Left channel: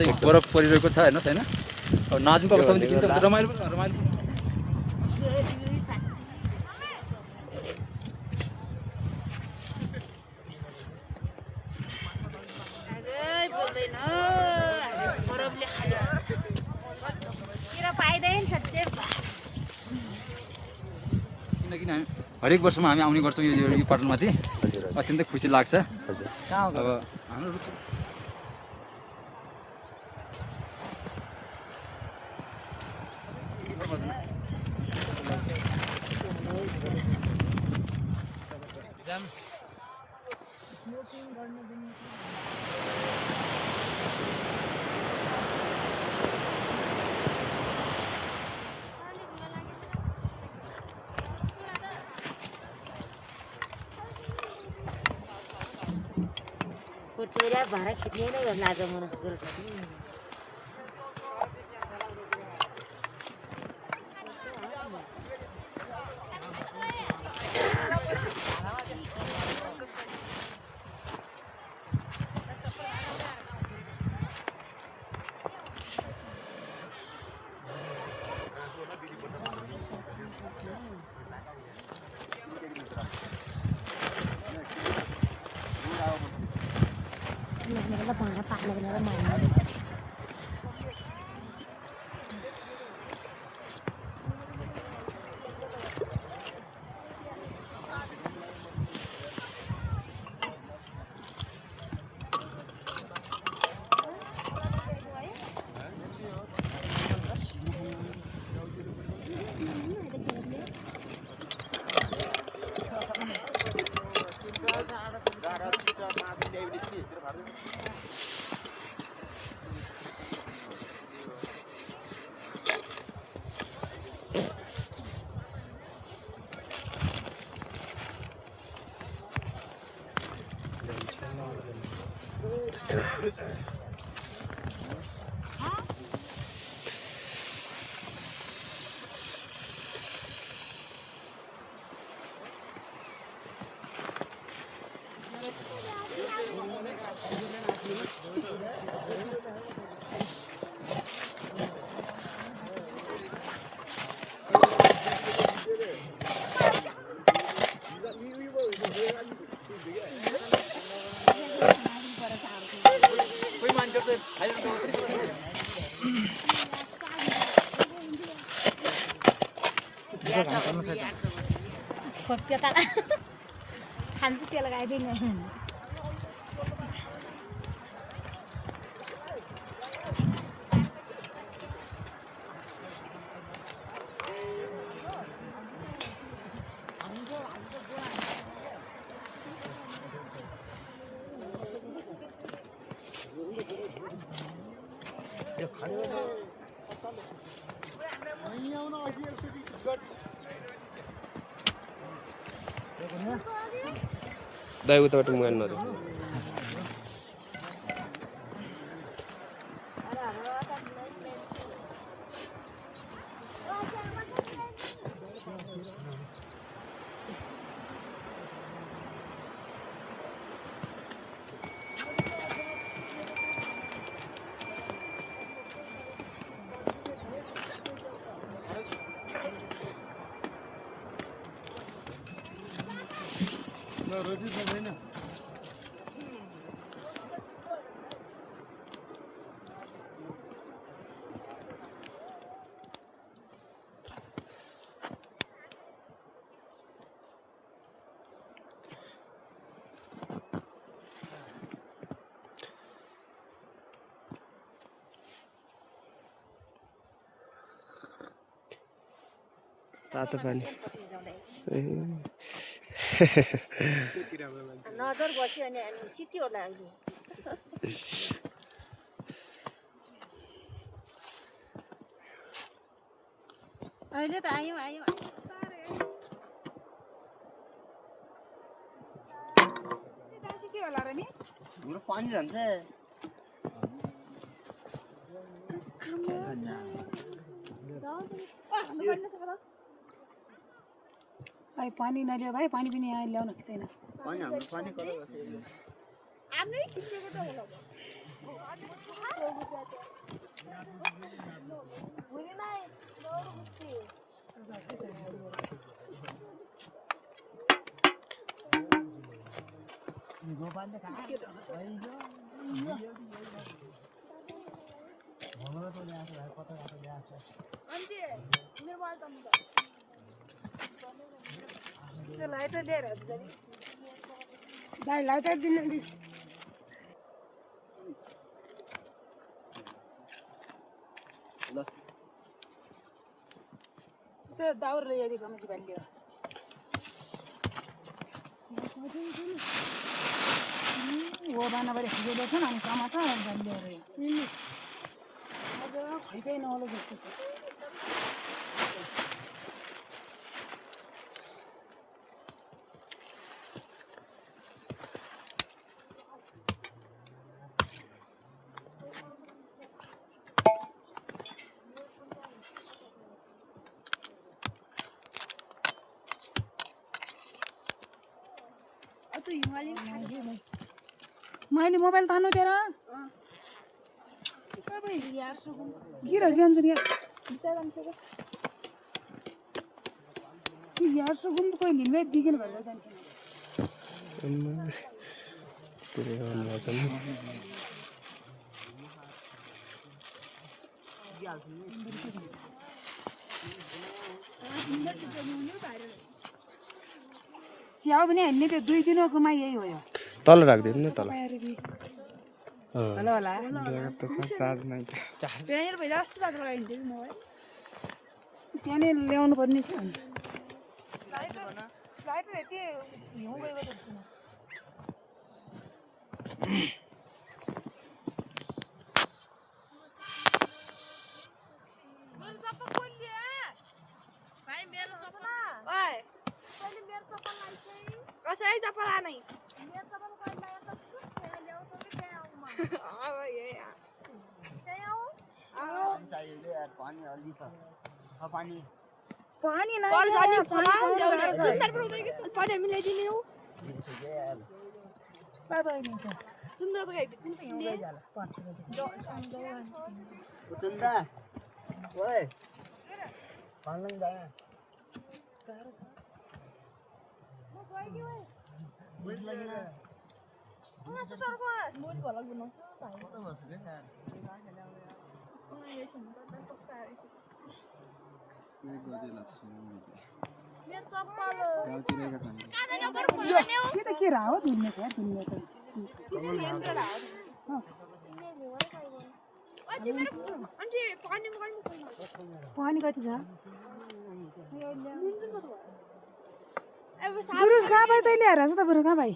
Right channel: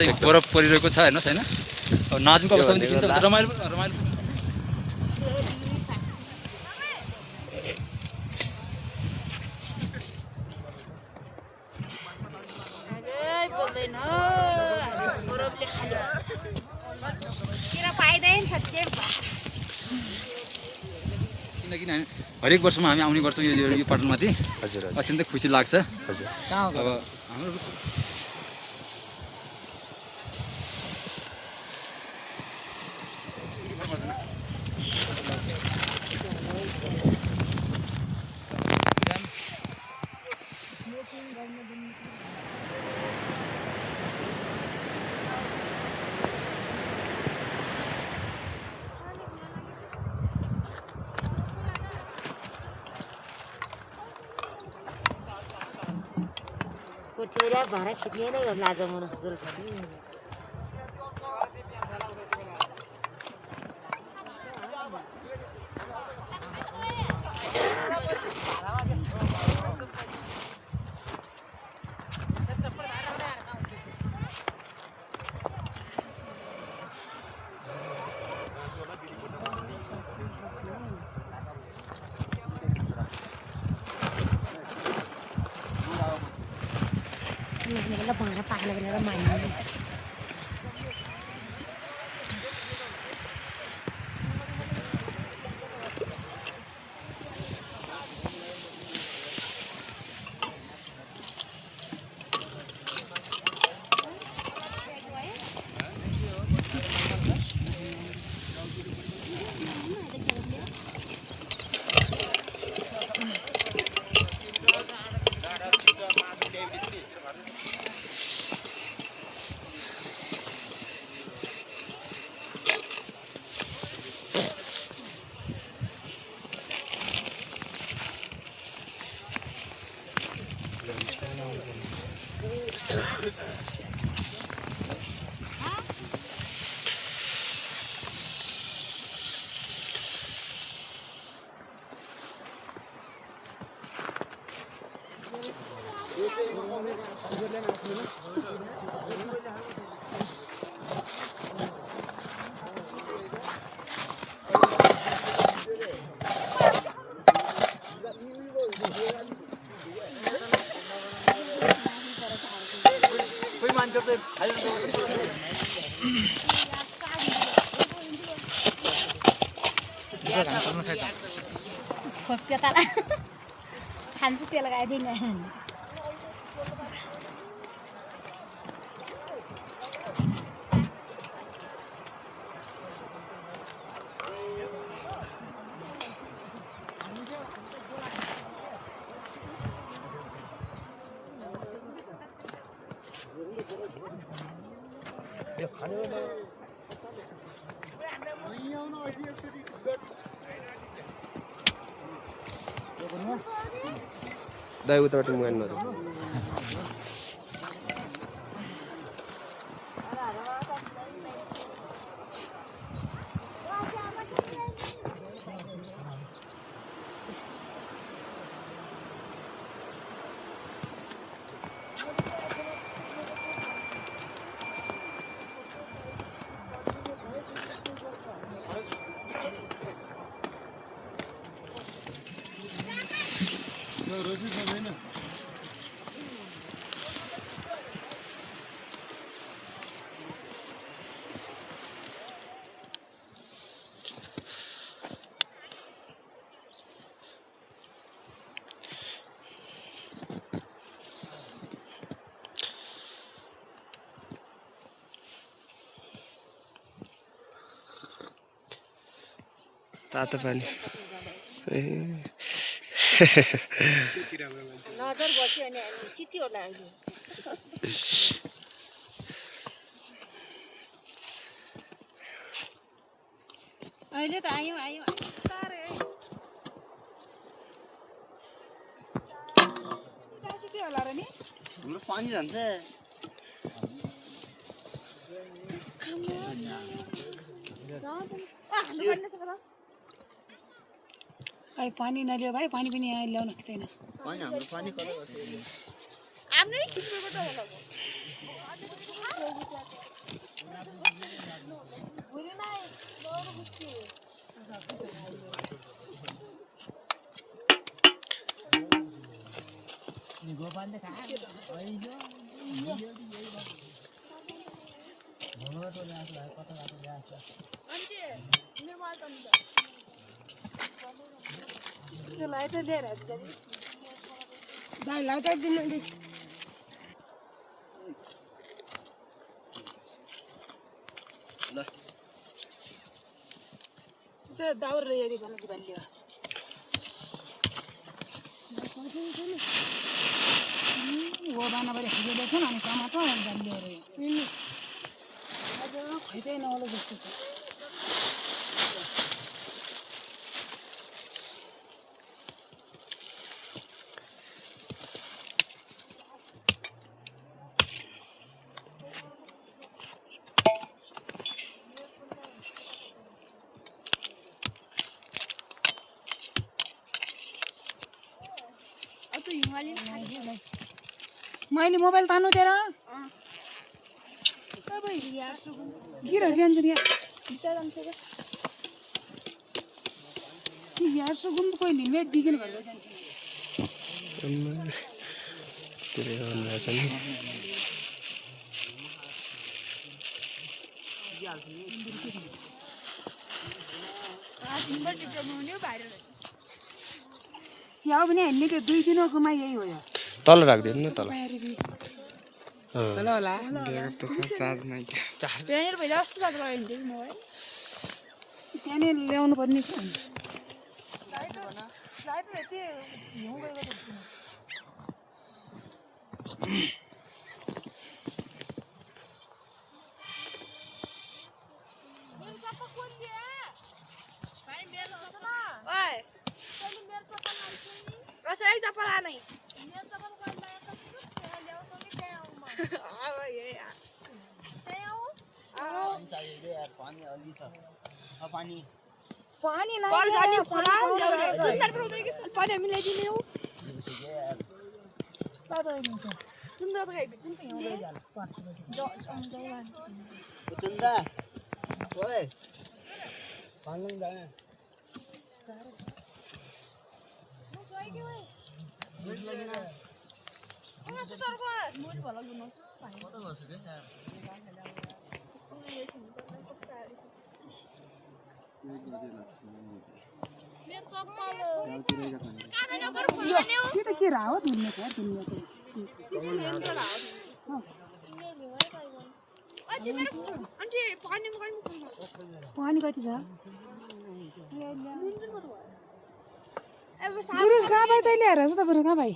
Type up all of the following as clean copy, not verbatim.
बरफ परिरहेको छ हेर्नुहोस् होइन अब नाजुको अवस्थामा देखिन्छ रमाइलो रमाइलो किनकि हरेक वर्षमा हामी आउने गर्छौँ यो पटनमाथि हजुर हजुर अत्यन्तै खुसी लाग्छ हजुर अब हाम्रो चेहरा भाडा खिच्ने नै गर्नु आज मन कोही मान्छे चाहिँ खाइरहनु खान्छु त्यो लगाइदिनु दाइ उताबाट मोबाइल नरो तातो पानी नजर बस्यो भने सिटी होला अहिले अहिले त आयौँ आयौँ के होला र नि हाम्रो पानी जान्छ भाइ पानी नलियो भाइ पानी पनि यहाँ ल्याउन सक्दैन पानी हाम्रो पानी कता बस्यो भाई लाइटर दिने दे सर दावर रे यारी कमी बल्ली वो बाना बरे खजे देछ न अनि टमाटर बल्ली रे खैदै नहोला जस्तो छ मैले मोबाइल तान्नु तेरा गिर गेंजरिया यार सुगुम कोई लिमिट दिगिन भन्दै जान्छ तेरे गाउँ राजन स्याउ भने हामीले त्यो 2 दिनकोमा यही हो यो तल राख्दिनु न तल होला होला चार्ज नै प्यानेर भइजा जस्तो लाग्छ हैन मोबाइल प्यानेर ल्याउनु पर्ने थियो लाइटर यति हिउँ गएको देख्छु पानी नहीं पानी हमें ले दिने बाबा नहीं तो सुंदर तो गई दिन ले जाला 5 बजे चंदा ओए पानी लंग जाना वो गई की ओए दूध लगना ओ सर को मोर भला गुनो भाई कत बस के यार के राव दुन्ने क्या दुन्ने तो पानी कति छ बुरुस कहाँ भाइ तैँले हेरेर छ त बुरु कहाँ भाइ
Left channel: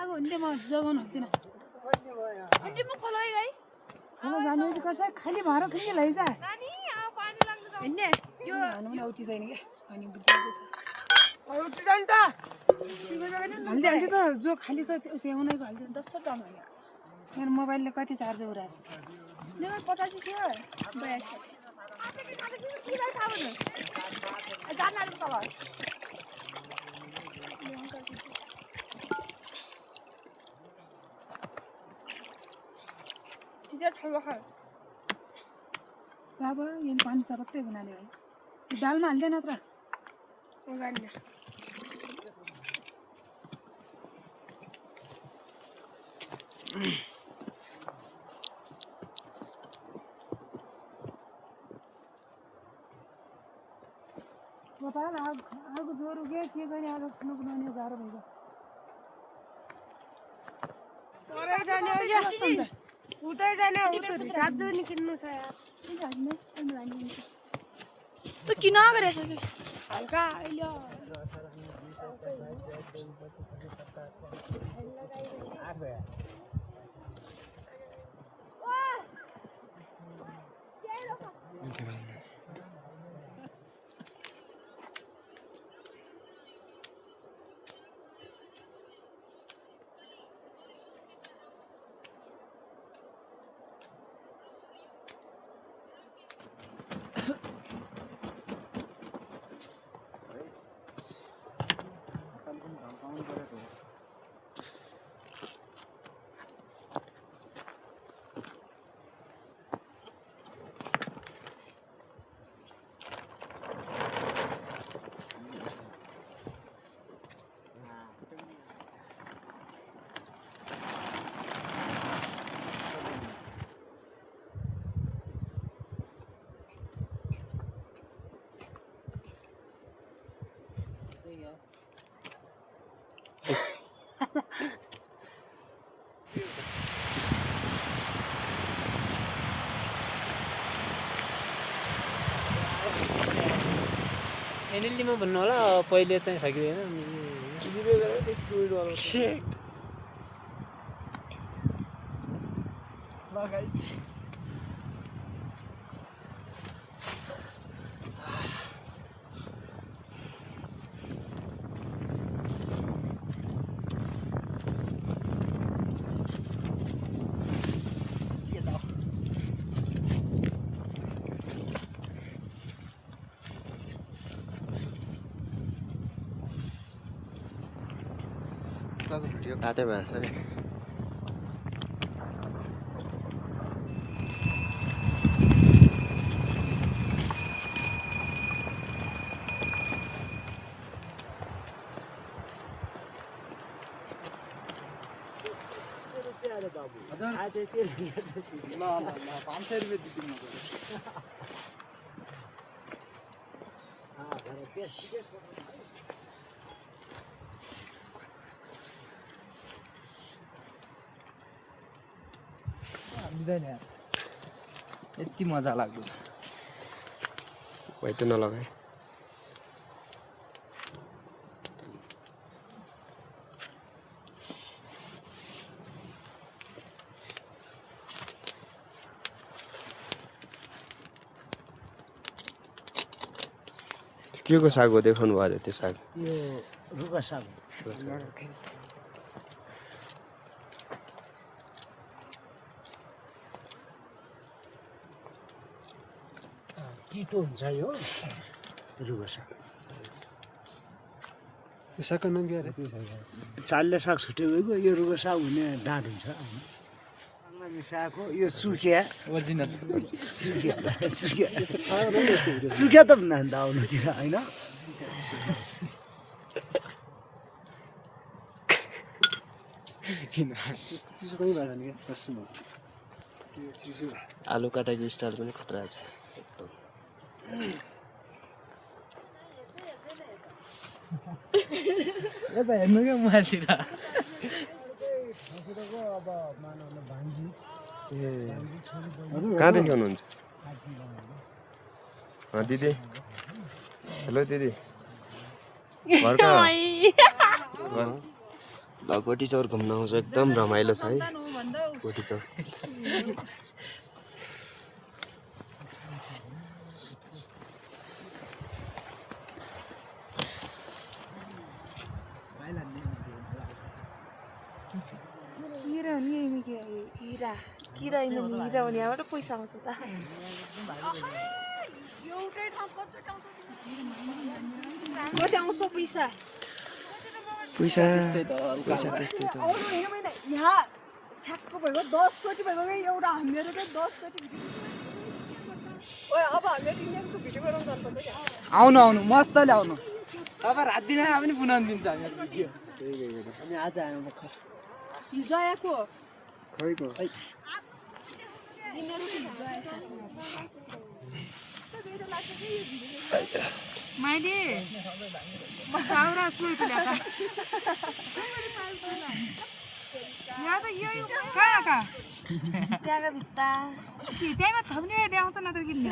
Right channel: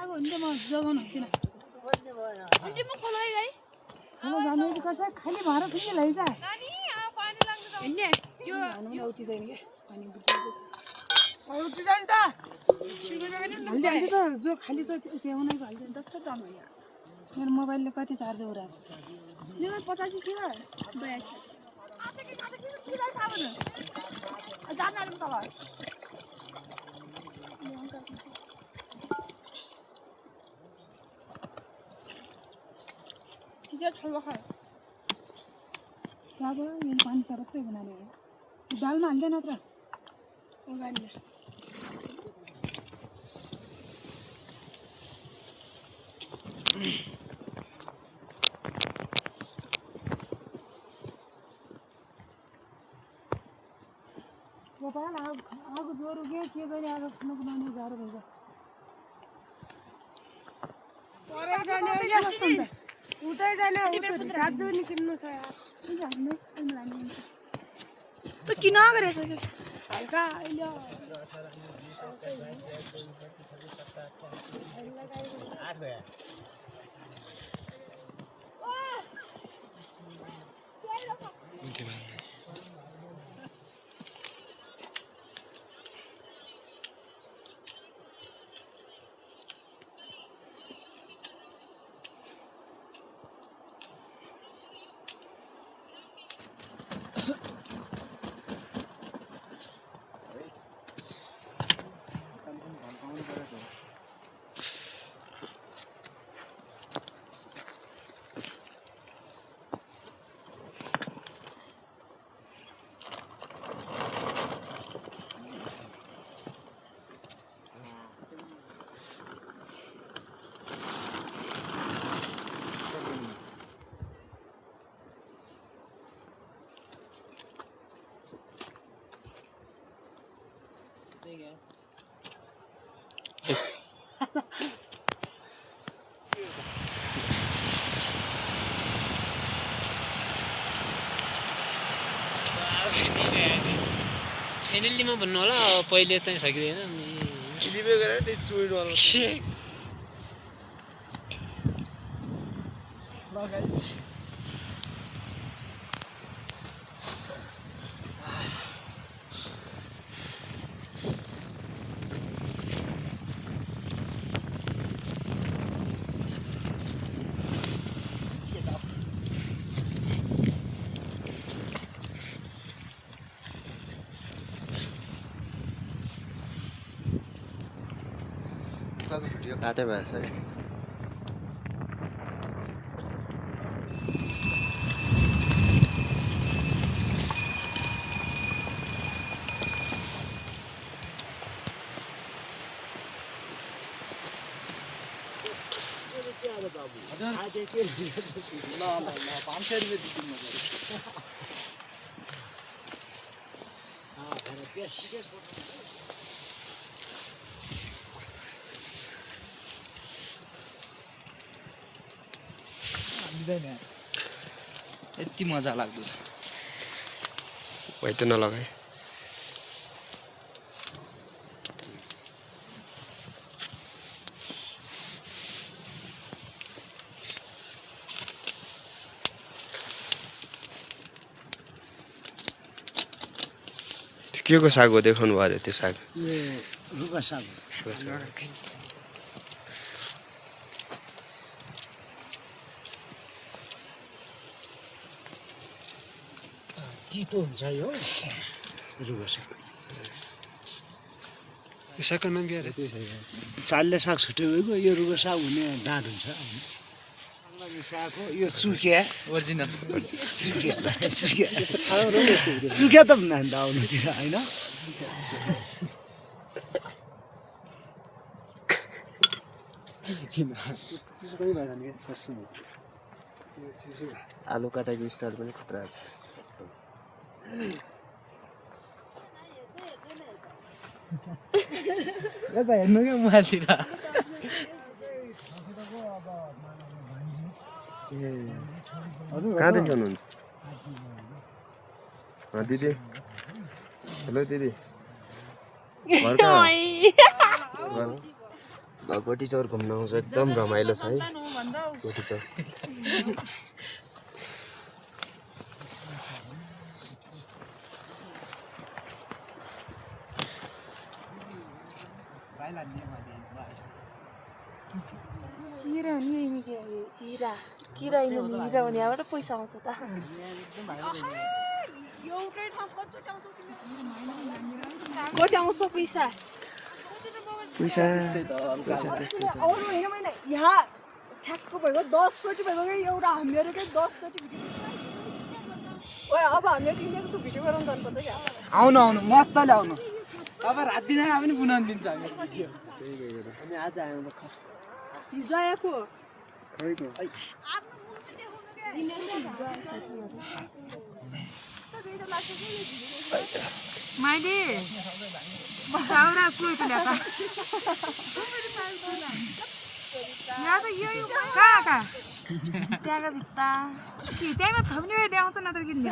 अब हुन्छ म जगाउनु हुँदैन अब जानु कसै खाली भएर फेरि लैजा हैन उठिदैन के अनि बुझिएको छ उठिदैन त हाल्दै हाल्दै त जो खाली छ त्यो उनीको हाल्दैन 10 दाम हो मेरो मोबाइलले कति चार्ज उराछ मेरो 85 थियो 82 बाबा यो पानी सबैले बनाले है दालमा हाल्दैन त गाडीले बाबा आगो जोरो के गरे आगो खानु बनाउने गाह्रो भइछ परे जाने हो या उतै जाने उतै चार्ज नि किन्नु छ यार त किन गरेछ हल्का अहिले फाइनल्लीमा भन्नु होला पहिले चाहिँ सकिँदैन भिडियो काट्दै भएछ है यति मजा लाग्दैछ भाइ त नलगाए के को साग हो देखाउनु भयो अरे त्यो साग रुगा साग तितो हुन्छ यो रुगा साग यो सागको नाम के अरे चाल्ले साग छुट्टै गएको यो रुगा साग हुने डाँट हुन्छ होइन साग हो यो सुकिया ओरिजिनल सुकिया त भन्दा आउनुतिर होइन आलु काटाको स्टाइल पनि खतरा छ यता हेर्नु क्या मोबाइलतिर कहाँदेखि हुनुहुन्छ दिदी हेलो दिदी गोटी चौर घुम्न आउँछ एकदम रमाइलो छ है गोटी चौर किरा हिरा हुने यहाँबाट पैसा आउँछ त कति आउँछ पैसा पैसा त्यस्तै त यहाँ ठ्याक्क भएको 10 चोटि भएको एउटा हामीहरूकै 10 चोटि भिडियो अब हामीले टिमको भिडियो बनाउनु पर्छ क्या आउनु आउनु मस्तले आउनु अब रात दिन आए पनि बनाउनु दिन्छ हामी भिडियो अनि आज आयो भर्खर हिजो आएको खैको मैले साउरा सुइट ल्याएको यहाँ त यो कहाँ त्यहाँको भित्ता कि त्यहीमा थप्ने भए देखाउँछ नत्र किन्ने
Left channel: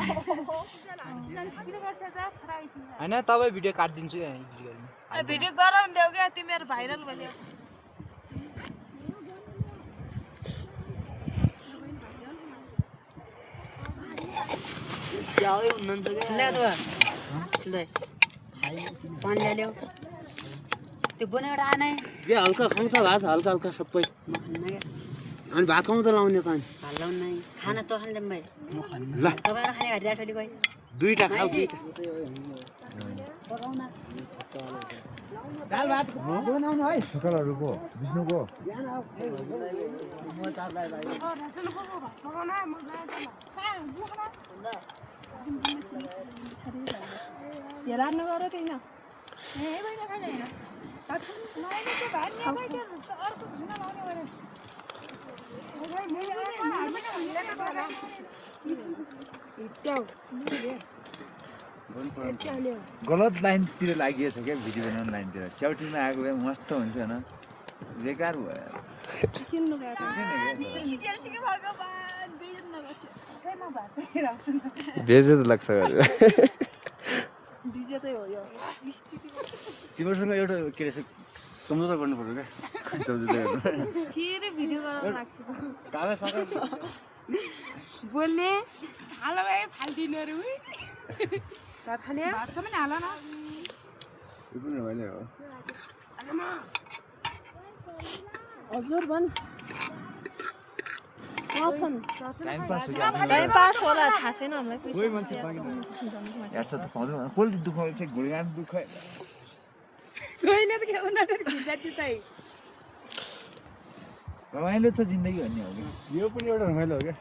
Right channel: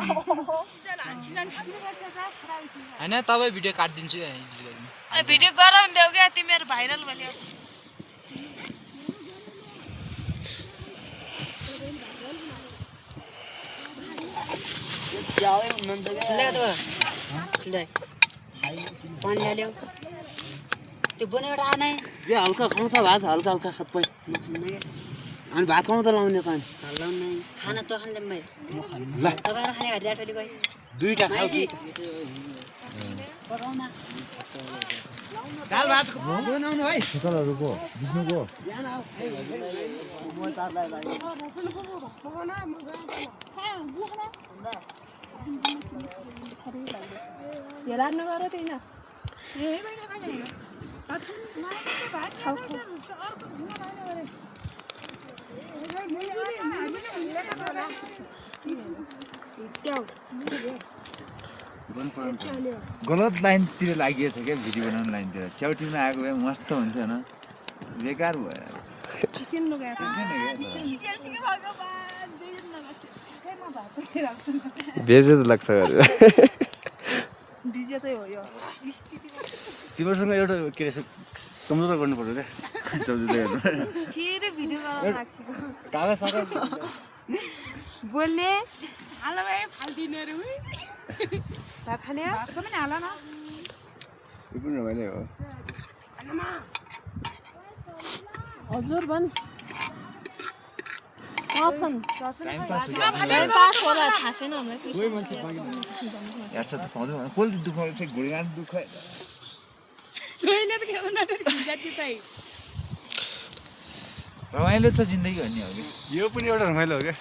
होइन तपाईँ भिडियो काटिदिन्छु भिडियो गर नि देऊ क्या तिमीहरू भाइरल भयो पानी ल्याऊ त्यो बनाएर आनै जे हल्का खान्छ भात हल्का हल्का सबै अनि भात खाउँ त लाउने कान लाउनै खाना त खाने म खान्न ल तपाईहरु खाने गरी राटोली गए दुईटा खाऊ पकाउन दाल भात बनाउनु है ठुकरहरुको बुझ्नुको बिहान आऊ म चारलाई भाइ यो राख्नु गरे त्यही न ए बैनी खाने हैन अच्छा नयाँ के भात ल्याएर के अर्को ढुङ्गा लाउने गरे गलत लाइनतिर लागिएछ क्या भिडियो बनाउने लाइनतिर च्याउटीमा आएको भए मस्त हुन्थ्यो होइन बेकार भयो किन्नु गएको बेजे त लाग्छ यो चाहिँ हो यो स्थिति तिमीहरूसँग एउटा के रहेछ सम्झौता गर्नु पर्यो रे फेरि भिडियो बनाउन लाग्छ कागज सागज बोल्ने हाल भाइ फाल्दिने रे उही भात खाने भात पनि हाल न यो पनि रमाइलो हो हजुर भन् टाइम पास हो पास होला थाहा छैन हामीलाई कोही मान्छे हेर्छ त पाउँदैन कसले दुखाउँछ घुँडगान दुख मैले त के उनीहरु जाति चाहिँ रमाइलो छ जिन्दगी भन्ने हो कि यो पनि एउटा रमाइलो हो क्या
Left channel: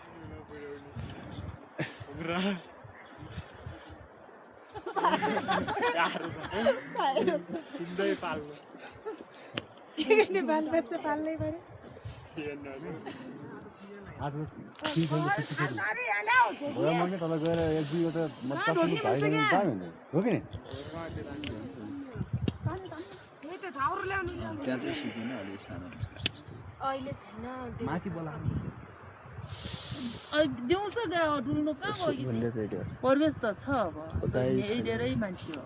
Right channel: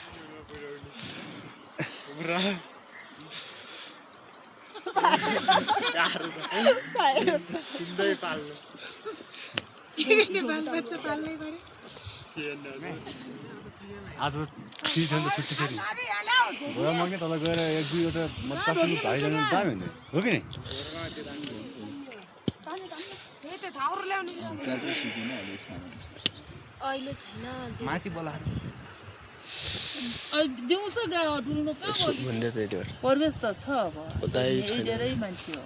बालबच्चा पाल्नै पर्यो आज फ्री छ नि त छुट्टी फेरि भोरा मग्ने तल गएर एक दुईवटा मतलब भाइजानु दामी हुने हो कि नि त्यहाँ चाहिँ सिक्दैन अहिले सानो अहिले छैन माथि बोला दिउँसो गयो डुल्नु कहाँ गयो भन्दै थियो त्यो परिवेश त छ अब उतै छैन। धेरै मान्छे हो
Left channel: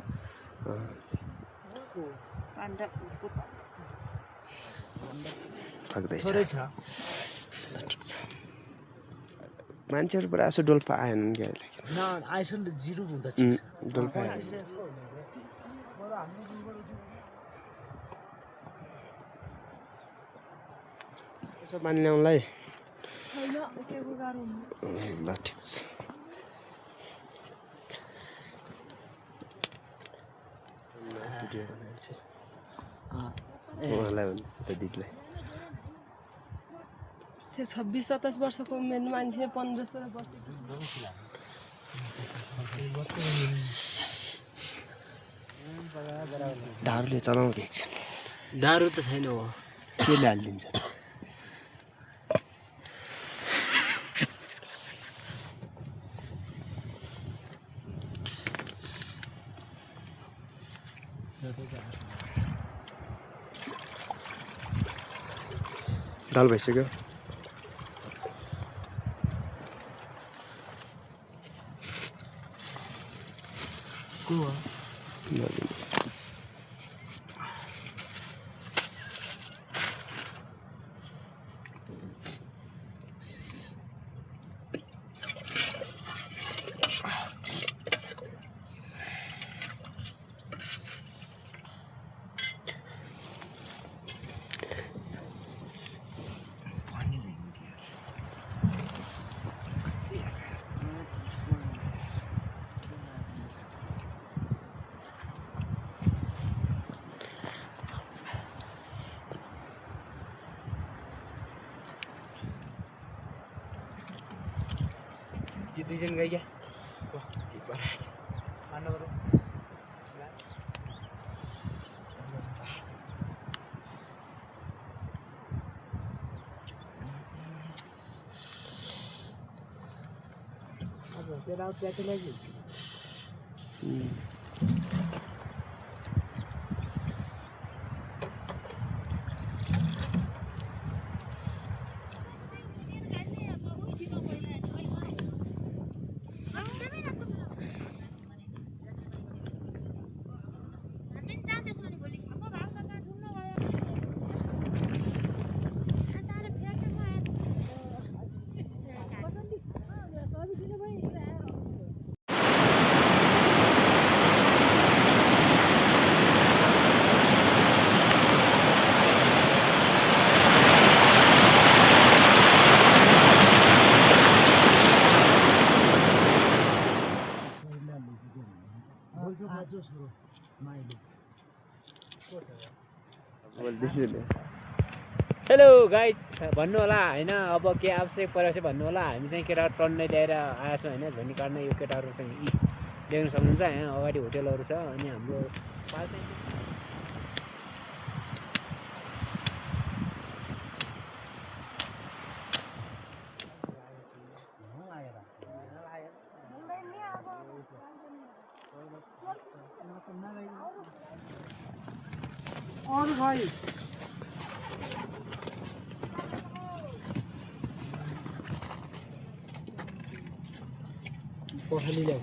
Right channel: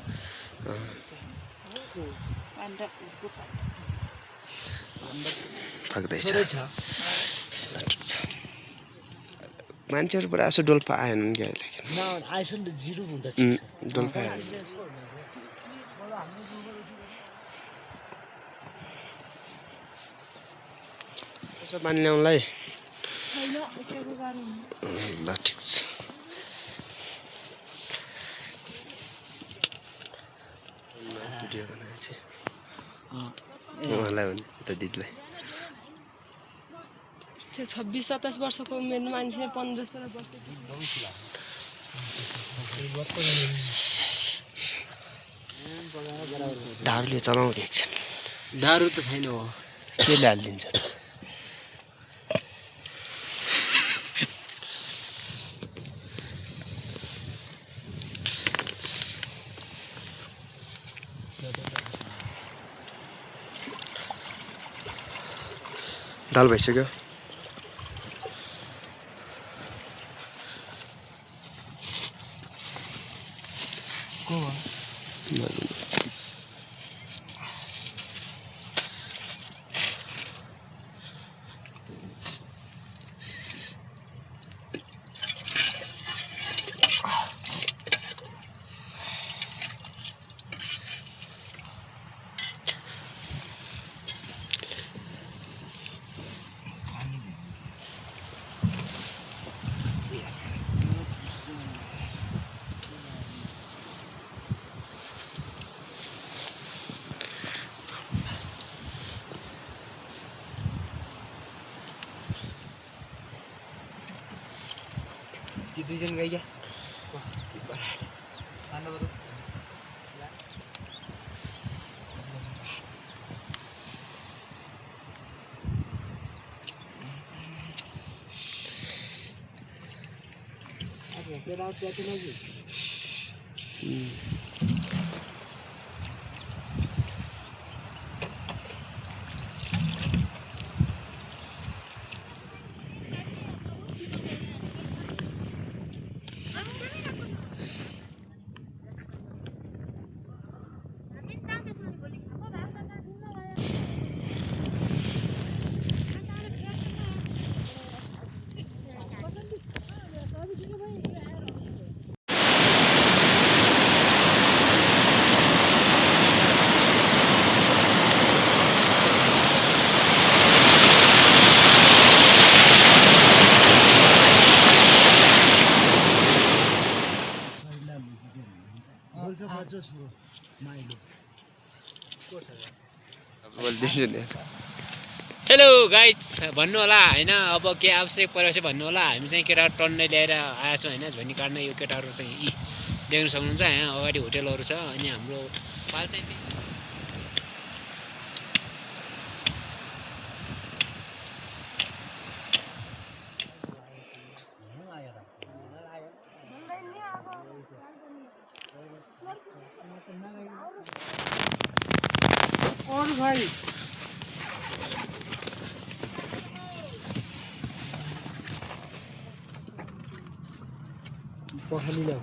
पाक्दैछ मान्छेहरू पुरा यसो डोल्पा आएनन् क्या अहिले आइसक्यो नि त जिरो हुँदा डोल्पा आएन यसो पानी ल्याउनलाई छैन उकेको गाह्रो हुनु ल ठिक छ भिडियो बनाएछ उहाँलाई भने यता दिदीलाई त्यो 26-27 वर्षको उमेरमा मान्छे 15-16 वर्ष दारूले चलाउँ कि एकछिन दारू त छैन हो केले हालिदिन्छ त दाल भइसक्यो दुईजना गई क्या हेलो गाइज भन्नु होला होइन अब के आवश्यक परेपछि भन्नु होला हामी चाहिँ केटाहरू टन्नै ल्याएर आएछौँ होइन झोनी काट्न यो केटाहरू चाहिँ यी देख्न सक्नुहुन्छ यहाँ अगाडि होटेलहरू छ अनि हाम्रो पाल चाहिँ और भाइ पखाली ल्याऊ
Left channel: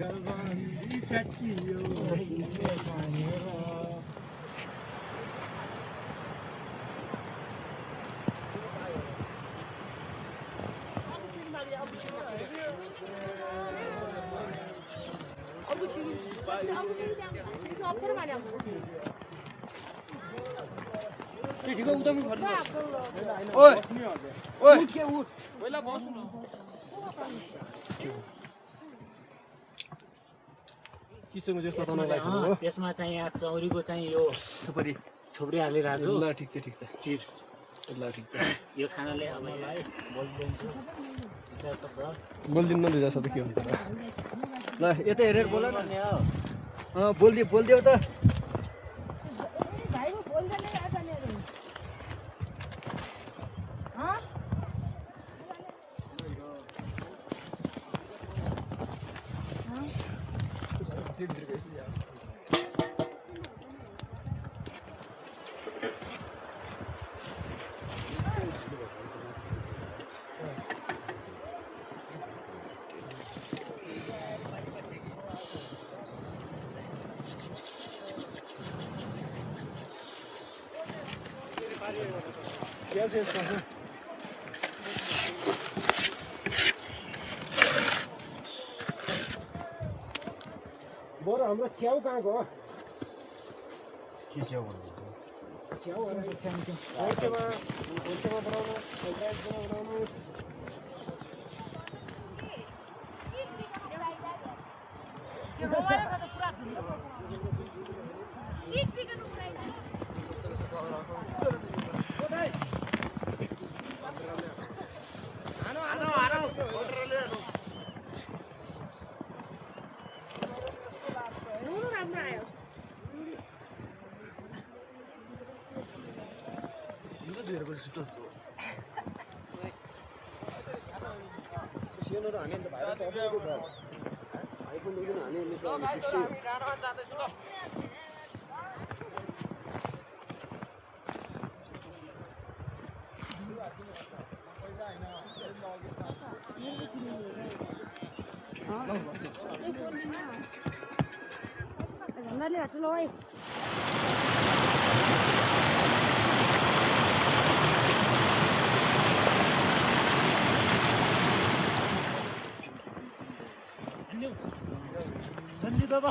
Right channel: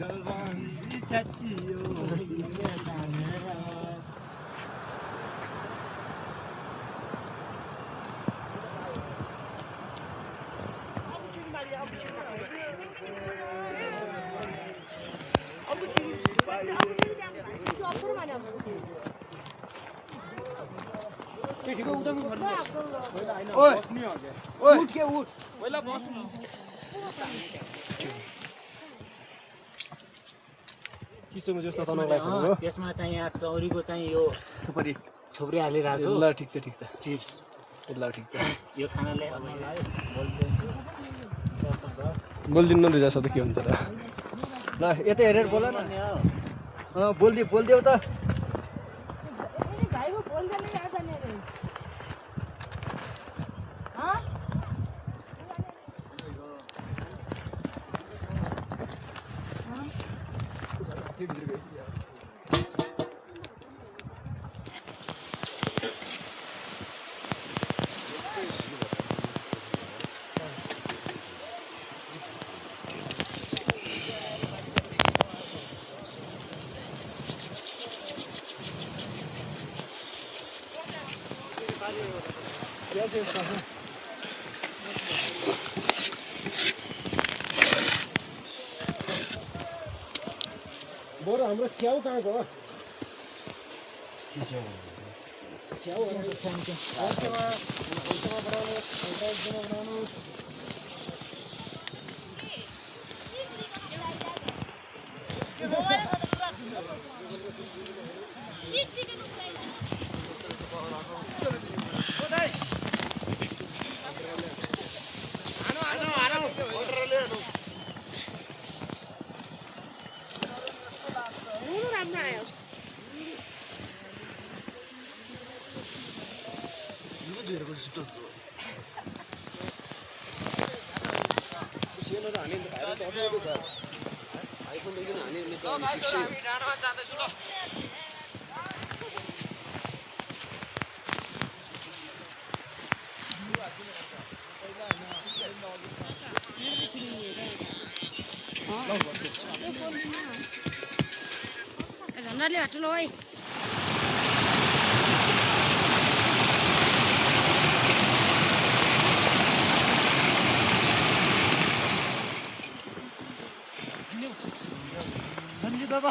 गलबन्दी च्यातियो चिसोमा जस्तो त्यसमा चाहिँ यहाँ चौरीको चाहिँ यो छोप्री हालिरहेको छु। ल ठिक छ चिप्स। ल ठिक छ यो खानाले मलाई बोलिदिन्छु इच्छा शब्द बोलिदिनु न दुईजना सधैँ के हुन्छ र ल यतै हेरेर बोल न बोलिदेऊ त बरु हाम्रो च्याउ कहाँ गयो झन्डाले हटलो है सञ्जीव बाबा